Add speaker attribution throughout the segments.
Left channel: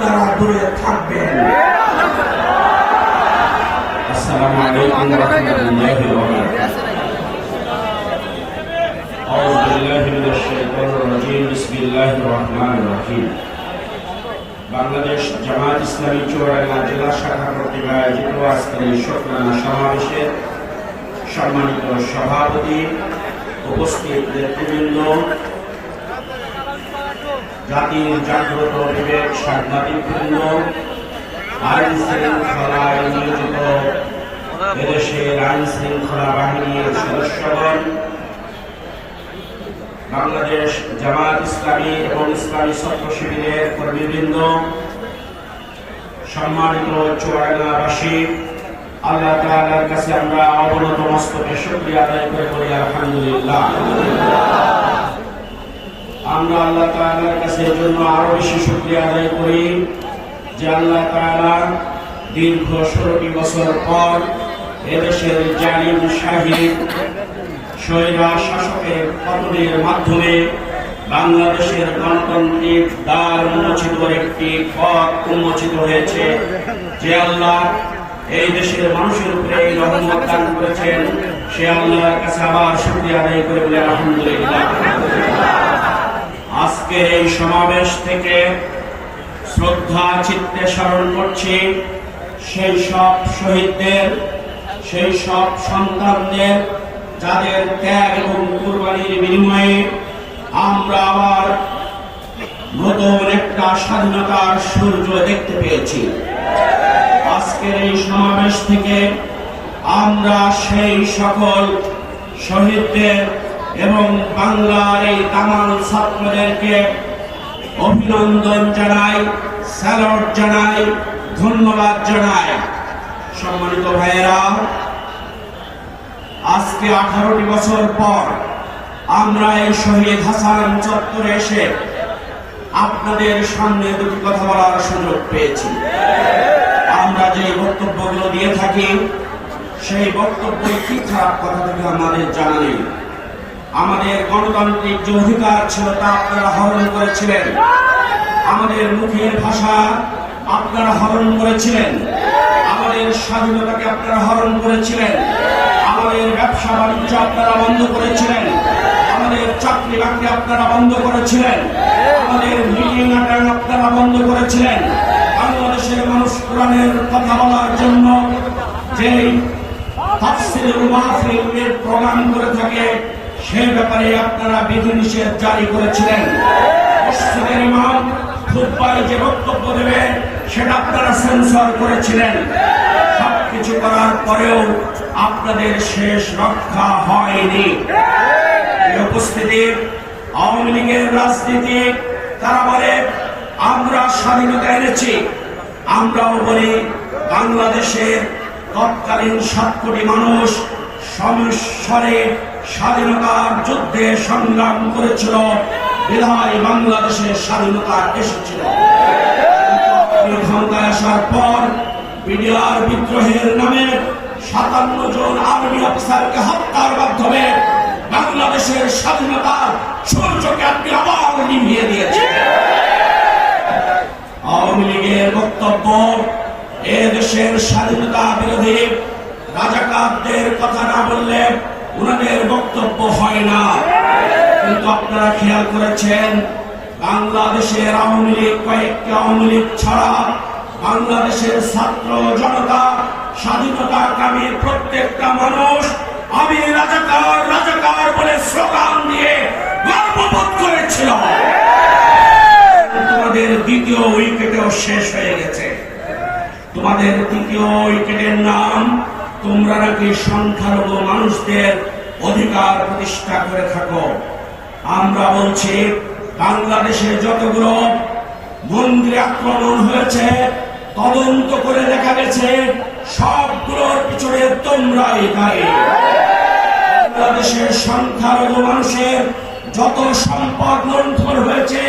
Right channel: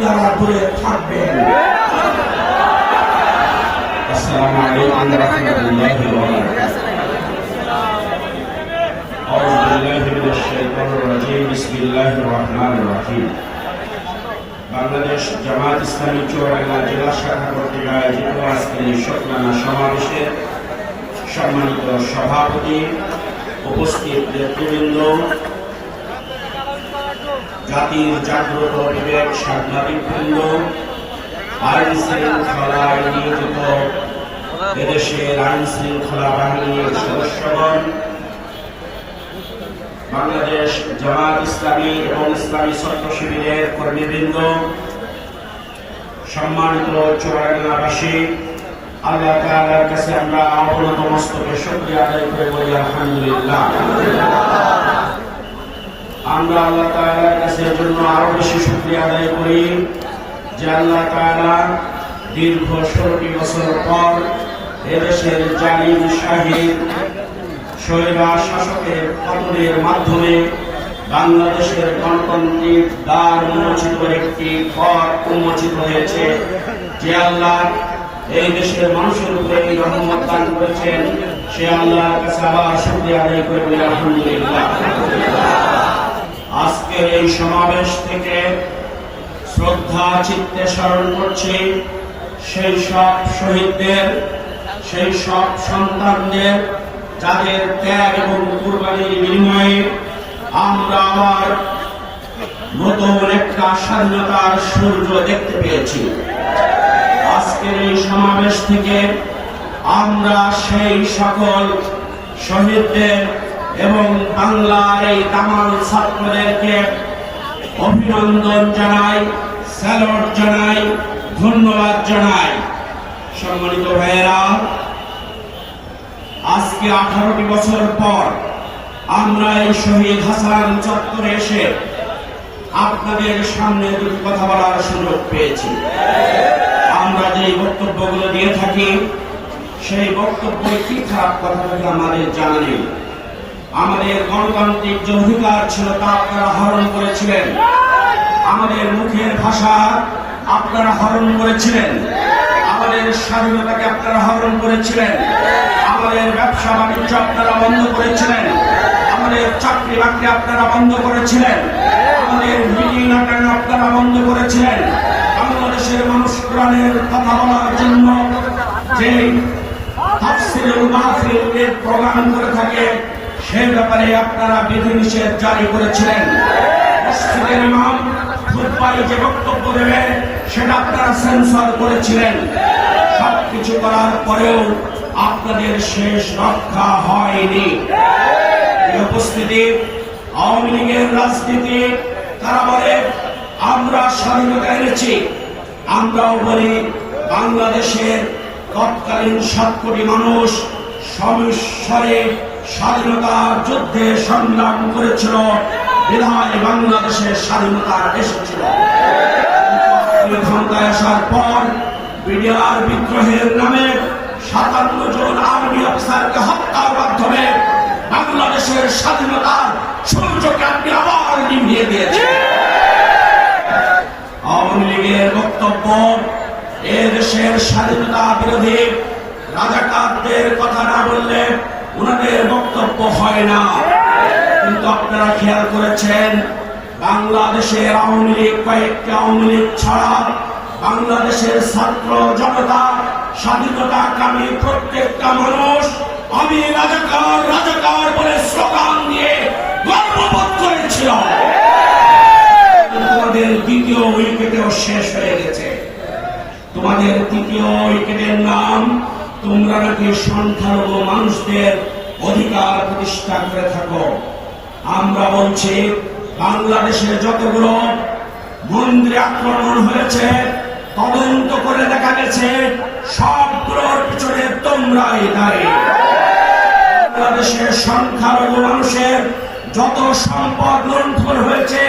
Speaker 1: আপনারা দূরে থাকবেন
Speaker 2: السلام عليكم ورحمة الله وبركاته. أعوذ بالله من الشيطان الرجيم بسم الله الرحمن الرحيم. বাংলাদেশ জামাত ইসলামী চুয়াডাঙ্গা জেলা শাখা কর্তৃক আয়োজিত আজকের এই শুকরানা সমাবেশের সম্মানিত সভাপতি উপস্থিত নেতৃবৃন্দ জাতির জাগ্রত বিবেক সাংবাদিক বৃন্দ। আইন শৃঙ্খলায় নিয়োজিত এদেশের আইন শৃঙ্খলা বাহিনীর সদস্যগণ, বাংলাদেশ জামাত ইসলামী এবং ইসলামী ছাত্র শিবিরের কর্মীবৃন্দ, সম্মানিত চুয়াডাঙ্গাবাসী আল্লাহ তাআলার কাছে আমরা অবনত মস্তকে শুকরিয়া আদায় করে বলি, আলহামদুলিল্লাহ। আমরা আল্লাহ তাআলার কাছে এর জন্য আরও বেশি শুকরিয়া আদায় করি যে আল্লাহ তাআলা দীর্ঘ ষোলোটি বছর পর এদেশের জালিম শাহিদ স্বৈরার শাসকের পতনের মাধ্যমে বাংলাদেশের গণতান্ত্রিক দ্বার উন্মোচিত একটি পথ উন্মোচিত হয়েছে। যে আল্লাহ এই দেশের মানুষের উপরে রহমত দান করেছেন, সে আল্লাহর কাছে আবার শুকরিয়া আদায় করবে আলহামদুলিল্লাহ। আজকের এই সমাবেশ থেকে শ্রদ্ধা, চিত্তে স্মরণ করছি, সেই সব শহীদদের, সেই সব সন্তানদের, যাদের ত্যাগ এবং কুরবানির বিনিময়ে আমরা আবার নতুন একটা স্বাধীনতার সূর্য দেখতে পেয়েছি। আজকের এই সমাবেশ থেকে আমরা সেই সকল শহীদদের এবং বাংলার এই তামাম ছাত্রদেরকে অভিনন্দন জানাই, স্যালুট জানাই, ধন্যবাদ জানাই। সম্মানিত ভাইয়েরা, আজকে আঠারোটি বছর পর আমরা এই শহীদ হাসান চত্বরে এসে আপনাদের সামনে দুটি কথা বলার সুযোগ পেয়েছি। আমরা যে বক্তব্যগুলো দিয়ে থাকি, সেই বক্তব্য কি খারাপ কথাগুলো আমাদের জানা নেই। আমাদের গণতান্ত্রিক যে অধিকার ছিল তা আপনারা হরণ করেছিলেন। আমাদের মুখের ভাষা আপনারা হরণ করেছিলেন। আমাদের স্বাধীনতাকে আপনারা হরণ করেছিলেন। আমাদের ব্যবসা বাণিজ্য আপনারা বন্ধ করেছিলেন। আমাদের চাকরি বাকরি আপনারা বন্ধ করেছিলেন। আমাদের মিটিং আকার আপনারা বন্ধ করেছিলেন। বাংলাদেশের মানুষ কোরআনের কথা বলার জন্য যে প্রোগ্রাম করে থাকে সে ব্যাপারে আপনারা বিধিনিষেধ জারি করেছিলেন। মসজিদের ইমাম যে বক্তব্য দেবেন, সেটা আপনারা সেন্সর করেছিলেন। সবকিছু করার পরেও আপনাদের শেষ রক্ষা হয়নি। উপস্থিতি আওয়ামী লীগের রাজনীতি, তারা বলে, আমরা স্বাধীনতা এনেছি। আমরাও বলি, বাংলাদেশের তৎকালীন সাত কোটি মানুষ সমস্বরে স্বাধীনতার যুদ্ধে সংগ্রাম করেছিল। বিধায় বাংলাদেশের স্বাধীনতা এসেছিল। ক্ষমতায় আসার পর বিডিআর বিদ্রোহের নামে সাতান্ন জন আর্মি অফিসারকে হত্যার মাধ্যমে বাংলাদেশের স্বাধীনতার সূর্যকে আপনি আবার নিভিয়ে দিয়েছেন আওয়ামী লীগের বক্তব্য, এ দেশের স্বাধীনতা বিরোধী রাজাকারদের কথা না বললে ওনাদের বক্তব্য হয় না। কিন্তু আপনারা খেয়াল করেছেন, বাংলাদেশের আওয়ামী লীগ কয়েকটি আওয়ামী লীগ ছাড়া বাংলাদেশের ছাত্র জনতা স্বাধীনতা কামী প্রত্যেকটা মানুষ আমি রাজাকার রাজাকার বলে স্লোগান দিয়ে গর্ববোধ করেছিল তোমাদের দ্বিতীয় উইকেটেও শেষ হয়ে গেছে। তোমাদের তৃতীয় উইকেটের নাম তোমরা নাকি সংখ্যালঘু মানুষদের অধিকার প্রতিষ্ঠা করে থাকো। আমরা বলছি, বাংলাদেশের যতগুলো মন্দিরে আক্রমণ হয়েছে, তদন্ত করে দেখা গেছে, সবগুলোর পিছনে তোমরাই দায়ী। বাংলাদেশের সংখ্যালঘু মানুষের যত সম্পদ লুণ্ঠন হয়েছে,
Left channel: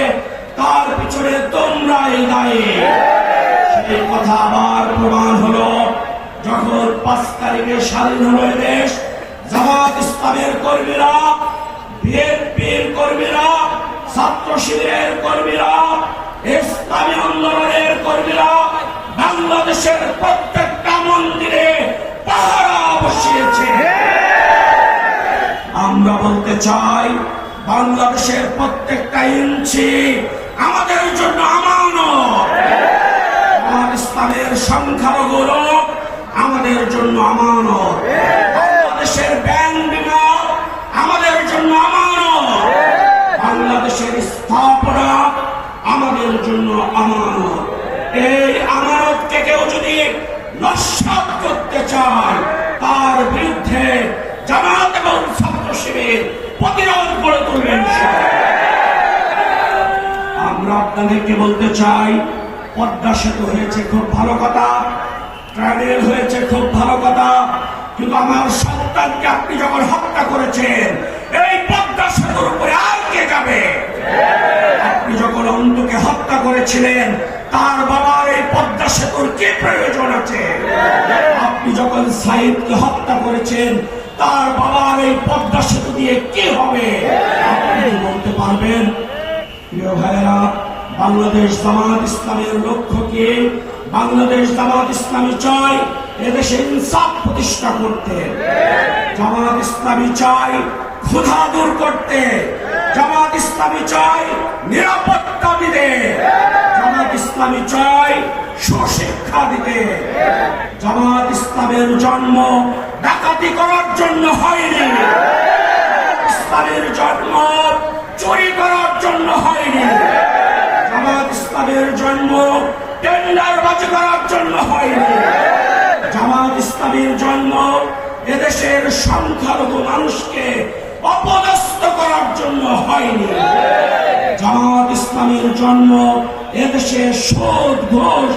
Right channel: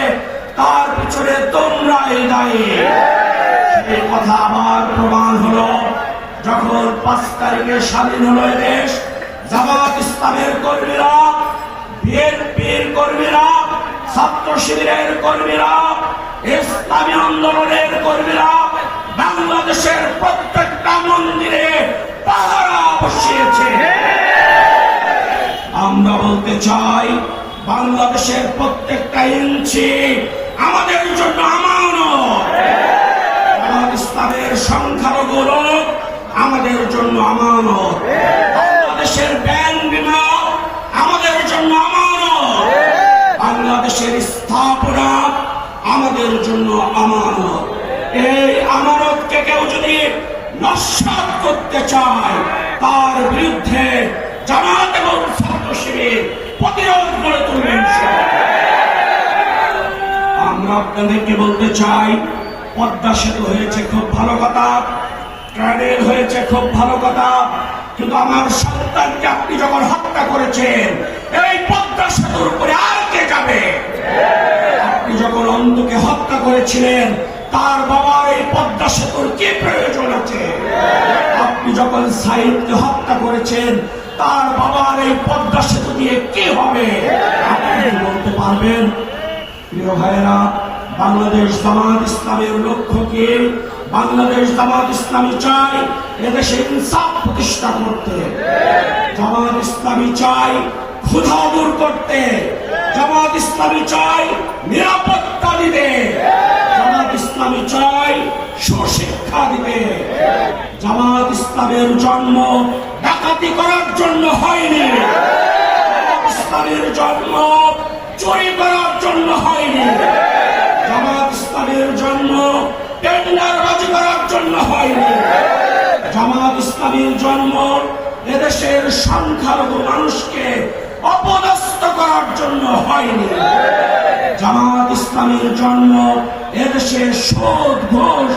Speaker 2: তার পিছনে তোমরাই দায়ী। এই কথা আবার প্রমাণ হলো। পাঁচ তারিখে স্বাধীন হলো দেশ। জামাত ইসলামের কর্মীরা, বিএনপির কর্মীরা, ছাত্র শিবিরের কর্মীরা, ইসলামী আন্দোলনের কর্মীরা, বাংলাদেশের প্রত্যেকটা মন্দিরে পাহারা বসিয়েছে। আমরা বলতে চাই, বাংলাদেশের প্রত্যেকটা ইঞ্চি আমাদের জন্য করতে চায়। তার বিরুদ্ধে জামাত এবং ছাত্র শিবির প্রতিরোধ করে তুলবেন আমরা আপনাদেরকে বলতে চাই, পদ্মা সেতু হয়েছে খুব ভালো কথা হয়েছে খুব ভালো কথা, কিন্তু আমার সন্তানকে আপনি যখন হত্যা করেছেন, এই পদ্মা সেতুর উপরে আর কে যাবে? আপনি যখন অন্ধকে হত্যা করেছিলেন, তার বাবার এই পদ্মা সেতুর কি প্রয়োজন আছে? সাইদকে হত্যা করেছেন, তার বাবার এই পদ্মা সেতু দিয়ে কি হবে? বলতে পারবেন, প্রিয় ভাইয়েরা, বাংলাদেশ জামাত ইসলামের লক্ষ্য কি? বাংলাদেশ জামাত ইসলামী চাই এদেশে ইনসাফ প্রতিষ্ঠা করতে। জামাত ইসলামী চাই ক্ষুধা দূর করতে। জামাত ইসলামী চাই নিরাপত্তা দিতে। জামাত ইসলামী চাই সুশিক্ষা দিতে জামাত ইসলামের জন্ম ডাকাতি করার জন্য হয়নি। ইসলামের জন্ম চুরি করার জন্য হয়নি। জামাত ইসলামের জন্ম টেন্ডার বাজি করার জন্য হয়নি। জামাত ইসলামের জন্ম এদেশের সংখ্যালঘু মানুষকে অপদস্থ করার জন্য হয়নি। জামাত ইসলামের জন্ম এদেশে সুদ ঘোষ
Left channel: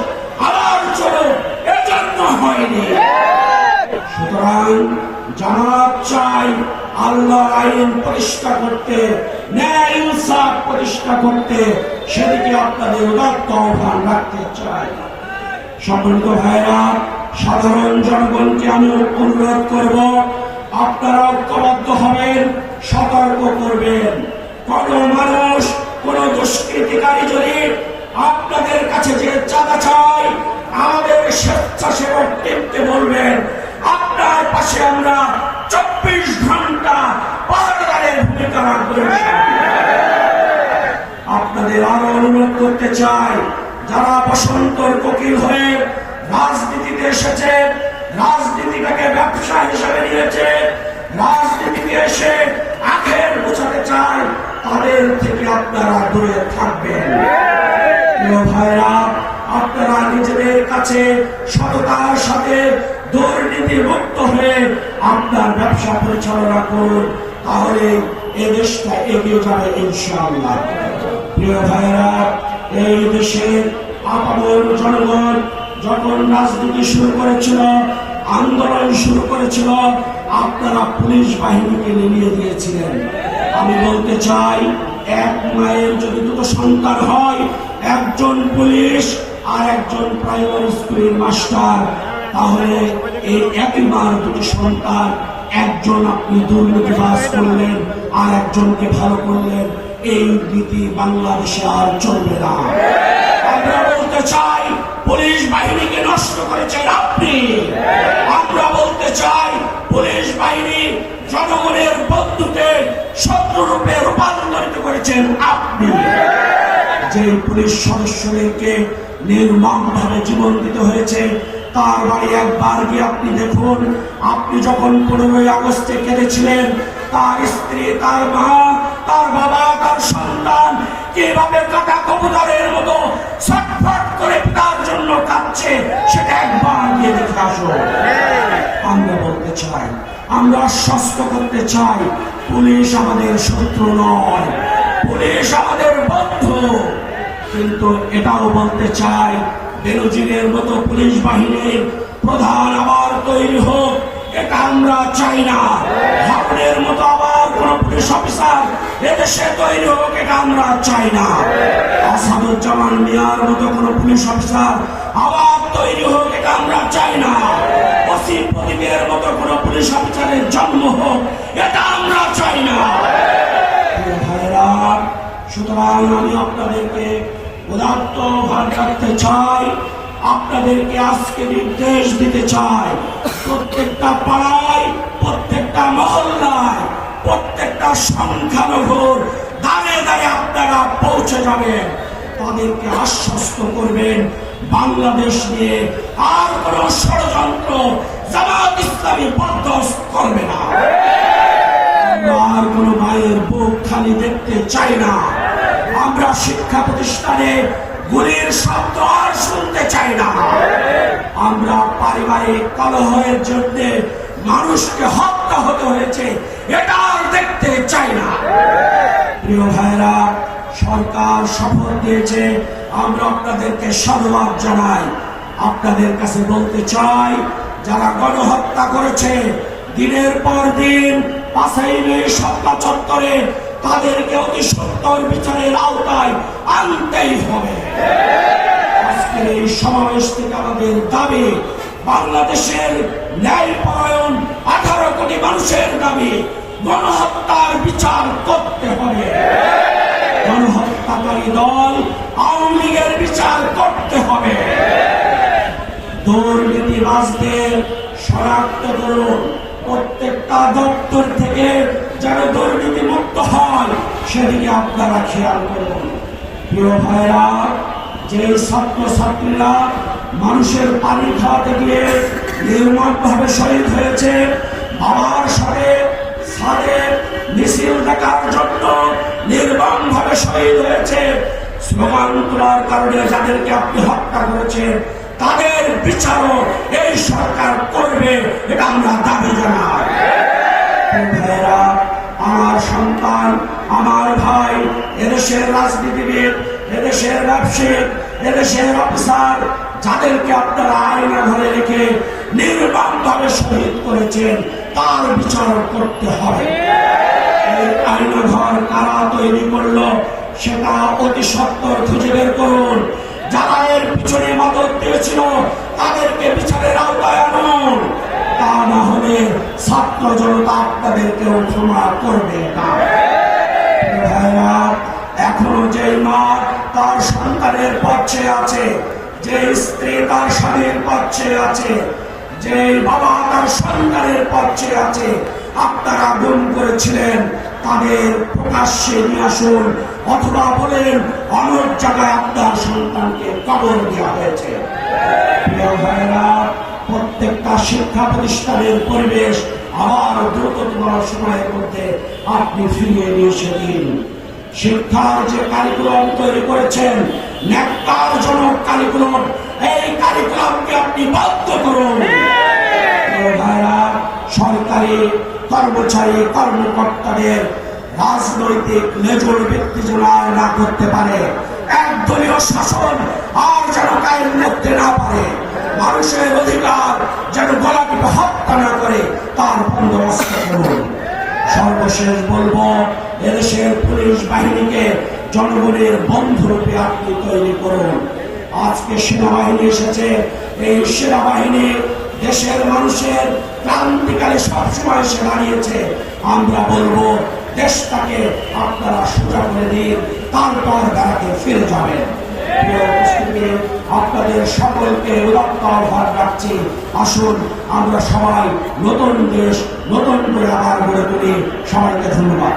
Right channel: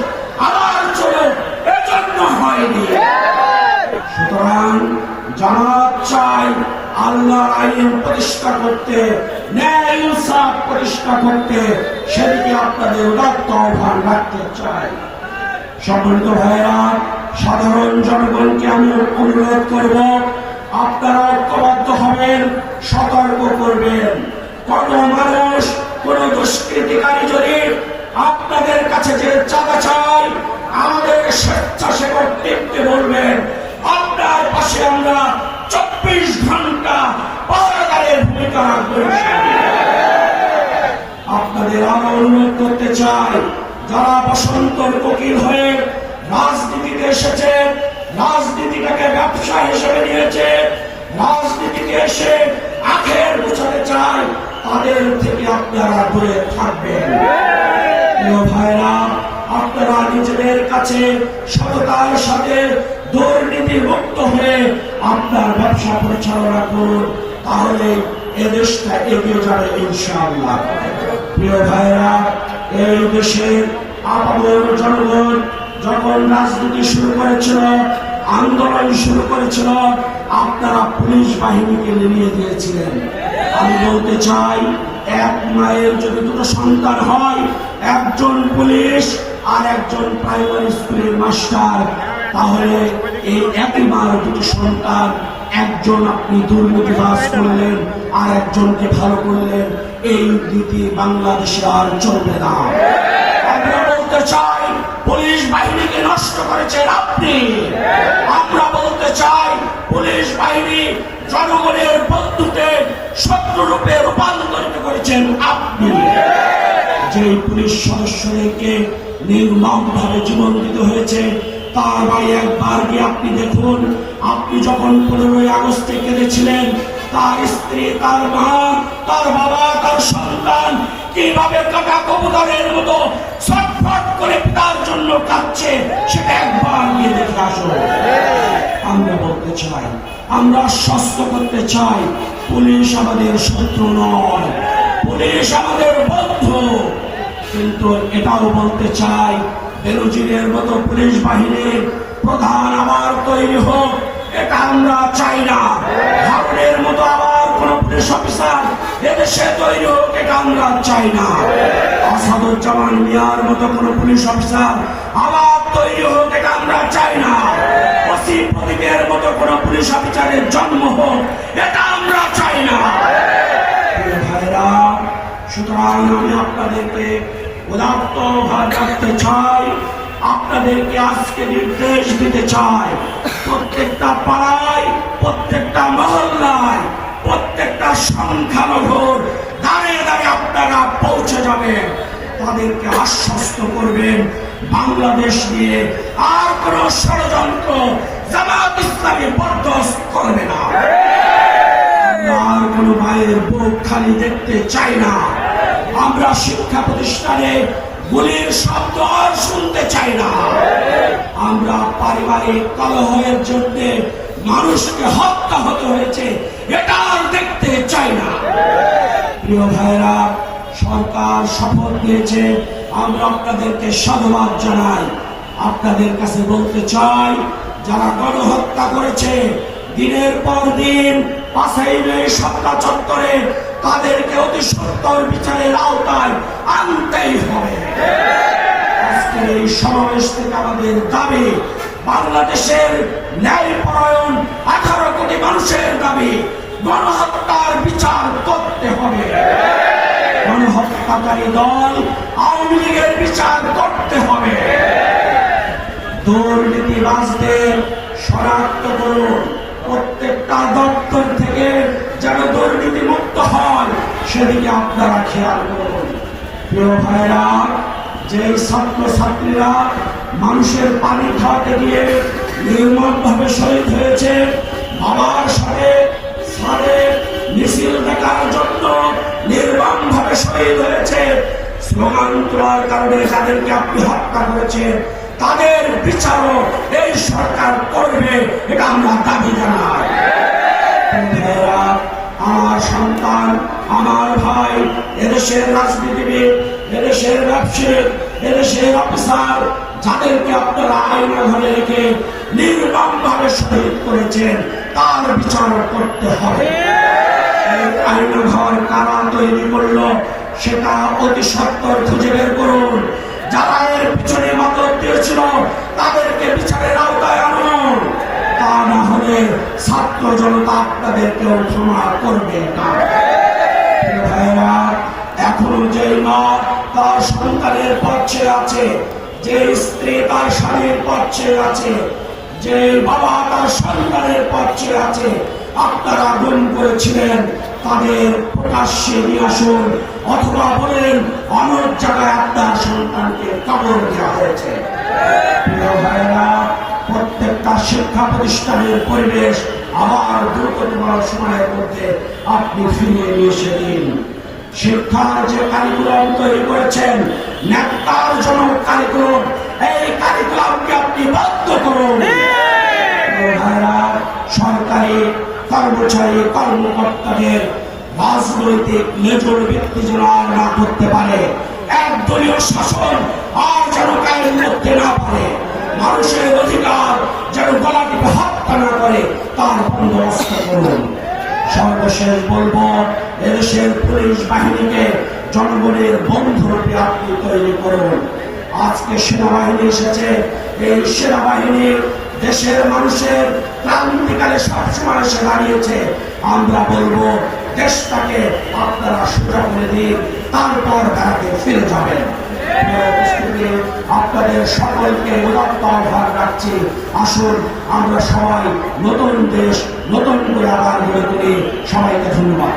Speaker 2: হয়নি। সুতরাং জামাত চাই আইন ন্যায় করতে আপনাদের রাখতে সাধারণ জনগণকে আমি অনুরোধ করব আপনারা দুষ্কৃতিকারী যদি আপনাদের কাছে যে চাঁদা চাই, আমাদের স্বেচ্ছাসেবক টিমকে বলবেন, আপনার পাশে আমরা চব্বিশ ঘণ্টা পাহাড়ের ভূমিকা আপনাদের আরও অনুরোধ করতে চাই, যারা বসন্তের কোকিল হয়ে রাজনীতিতে এসেছে, রাজনীতিটাকে ব্যবসা হিসেবে নিয়েছে রাজনীতিতে এসে আখের বোঝাতে চায় তাদের থেকে আপনারা দূরে থাকবেন। ভাইরা আপনারা নিজেদের কাছে সততার সাথে দুর্নীতি মুক্ত হয়ে আপনার ব্যবসা পরিচালনা করুন, তাহলে এ দেশটা এগিয়ে যাবে ইনশাআল্লাহ। প্রিয় ভাইরা এই দেশের আপামর জনগণ যখন রাজনীতি শুরু করেছিল, আন্দোলন শুরু করেছিল, আপনারা পুলিশ বাহিনীকে নিয়ে দিয়েছিলেন আমি বলতে চাই, এক মায়ের যদি দুটো সন্তান হয়, একজন পুলিশ আর একজন প্রাইমারি স্কুলের মাস্টার, তাহলে এই একই মায়ের দুটি সন্তান, একজন আপনি দুর্নীতিবাস করলেন আর একজনকে ভালো করলেন, এই নীতি বাংলাদেশে আর চলবে না। বলতে চাই, পুলিশ বাহিনীকে নষ্ট করেছেন আপনি। আমরা বলতে চাই, পুলিশ বাহিনী জনগণের শত্রুরূপে রূপান্তরিত করেছেন আপনি। যে পুলিশ সদস্যদেরকে নির্মমভাবে জীবন দিতে হয়েছে, তার বাড়ি একবার গিয়ে আপনি দেখুন, আপনি যখন পনেরোই আগস্টে কেঁদেছিলেন, তার স্ত্রী, তার মা, তার বাবা, তার সন্তান কীভাবে কাটা কবুতরের মতো ছটফট করে তার জন্য কাঁদছে, সেটা একবার গিয়ে দেখে আসো আমরা বলতে চাই আমরা আশ্বস্ত করতে চাই। পুলিশ আমাদের শত্রু নয়। পুলিশ আমাদের বন্ধু। কিন্তু এটাও বলতে চাই বেরোজিনের মতো পুলিশ বাহিনীর প্রধান আবার তৈরি হোক, এটা আমরা চাই না। হাবড়ের মতো আবার কোন পুলিশ অফিসার এদেশে তৈরি হোক, এটা আমরা চাই না। আসাদুজ্জামান মিয়ার মতো কোন পুলিশ অফিসার আবার তৈরি হোক, এটা আমরা চাই না। ওসি প্রদীপের মতো কোন পুলিশ অফিসারের জন্ম হোক, এটা আমরা চাই না। সুতরাং আমি আপনাদেরকে উদাত্ত চাই, আপনাদেরকে আজকে নির্দেশ দিতে চাই, প্রত্যেকটা পাড়ায়, প্রত্যেকটা মহল্লায়, প্রত্যেকটা দাঁড়িয়ে দাঁড়িয়ে আপনারা পৌঁছে যাবেন, তাদেরকে আশ্বস্ত করবেন, বাংলাদেশ নিয়ে আর কোন ষড়যন্ত্র জামাত ইসলামী বরদাস্ত করবে না। আর কোন মায়ের বুক খালি দেখতে চাই না। আমরা শিক্ষা প্রতিষ্ঠানে গুলির শব্দ আর শুনতে চাই না। আমরা পারিবারিক কলহের জন্য মানুষকে হত্যা হতে হয়েছে, এটা আর দেখতে চাই না। প্রিয় ভাইরা সরকার শপথ নিয়েছে, আমরা আপনাদেরকে সাধুবাদ জানাই। আপনাদের কাছে বলতে চাই যারা গণহত্যা করেছে, দিনের পর দিন পাশাই নেই সরকার চত্বরে তাদেরকে অতি সত্তর বিচারের আওতায় আনতেই হবে। এই সমাবেশ থেকে আমাদের দাবি, বাংলাদেশের ন্যায় পরায়ণ আঠারো কোটি মানুষের দাবি, গণহত্যার বিচার করতে হবে। গণহত্যাকারী দল আওয়ামী লীগের বিচার দুর্নীতিবাজদের শনাক্ত করুন প্রত্যেকটা দপ্তর থেকে যেন দুর্নীতি মুক্ত হয়, সেদিকে আপনারা খেয়াল করুন। প্রিয় ভাইরা যে ছাত্র ছাত্রীরা মানুষের পানি খাওয়াতে গিয়ে নির্মমভাবে শহীদ হয়েছে, বাবার সাথে সাথে মিছিল দেখার জন্য নির্মমভাবে শহীদ হয়েছে স্লোগান তোলার কারণে যাদেরকে আপনি হত্যা করেছেন তাদের বিচারও এই সরকার করবে এটা আমরা দাবি জানাই। আমার সন্তান, আমার ভাই, এদেশের রাজনীতিবিদ, এদেশের ব্যবসায়িক এদেশের অফিসার, যাদেরকে আপনারা আইনা ধরে রেখে নির্বাণ ভাবে শহীদ করেছেন, তার বিচার করতে হবে। এই আইনা ঘর কারা তৈরি করল, সেটা অতি সত্তর খুঁজে বের করুন। যারা এর পিছনে মদত দিয়েছিল তাদেরকে বিচারের আওতায় আনুন তা না হলে ছাত্র জনতা আপনাদেরকে ক্ষমা করবে। এখন যে মত তার সন্তানের পক্ষে আছে, যে স্ত্রী তার স্বামীর পক্ষে আছে যে বাবা তার সন্তানের পক্ষে আছে, আপনারা গুম করেছিলেন, তাদের প্রকাশ্যে নিয়ে আসুন, অথবা বলেন অনেক জায়গায় আপনার সন্তানকে কবর দেওয়া হয়েছে। প্রত্যেকটা শিক্ষা প্রতিষ্ঠানের পরিবেশ আবার দ্রুততম সময়ের মধ্যে আপনি ফিরিয়ে নিয়ে এসে দিন শিক্ষার যে কারিকুলাম তৈরি করেছেন নেকটার জনক কারিকুলাম এই কারিকুলামকে আপনি বাধ্য করুন সরকারি কর্মচারী কর্মকর্তাদের রাজনৈতিক মেজর ব্যক্তি আর না করতে পারে একদলীয় শাসন আর যেন কায়ের করতে না পারে মানুষের অধিকার যেন গলা টিপে হত্যা না করে তার বন্দোবস্ত করুন সর্বশেষ বলব এদেশের পুলিশ বাহিনীকে জনগণের বন্ধুরূপে আপনি তৈরি করুন আজকে সেনাবাহিনী এসেছে। এই সেনাবাহিনী দেশের মানুষের ক্রান্তিকালে সবসময় এসে দাঁড়িয়েছে। আমরা বলব, দেশটাকে আপনারা সোজা করে দিন, তারপর তারাকে ফিরে যাবেন। আপনাদের সকলকে উদাত্তর ভাব রাখছি আসুন, আমরা সবাই নতুন দেশ, নতুন করে আবার গড়ে তুলি। সবাইকে ধন্যবাদ।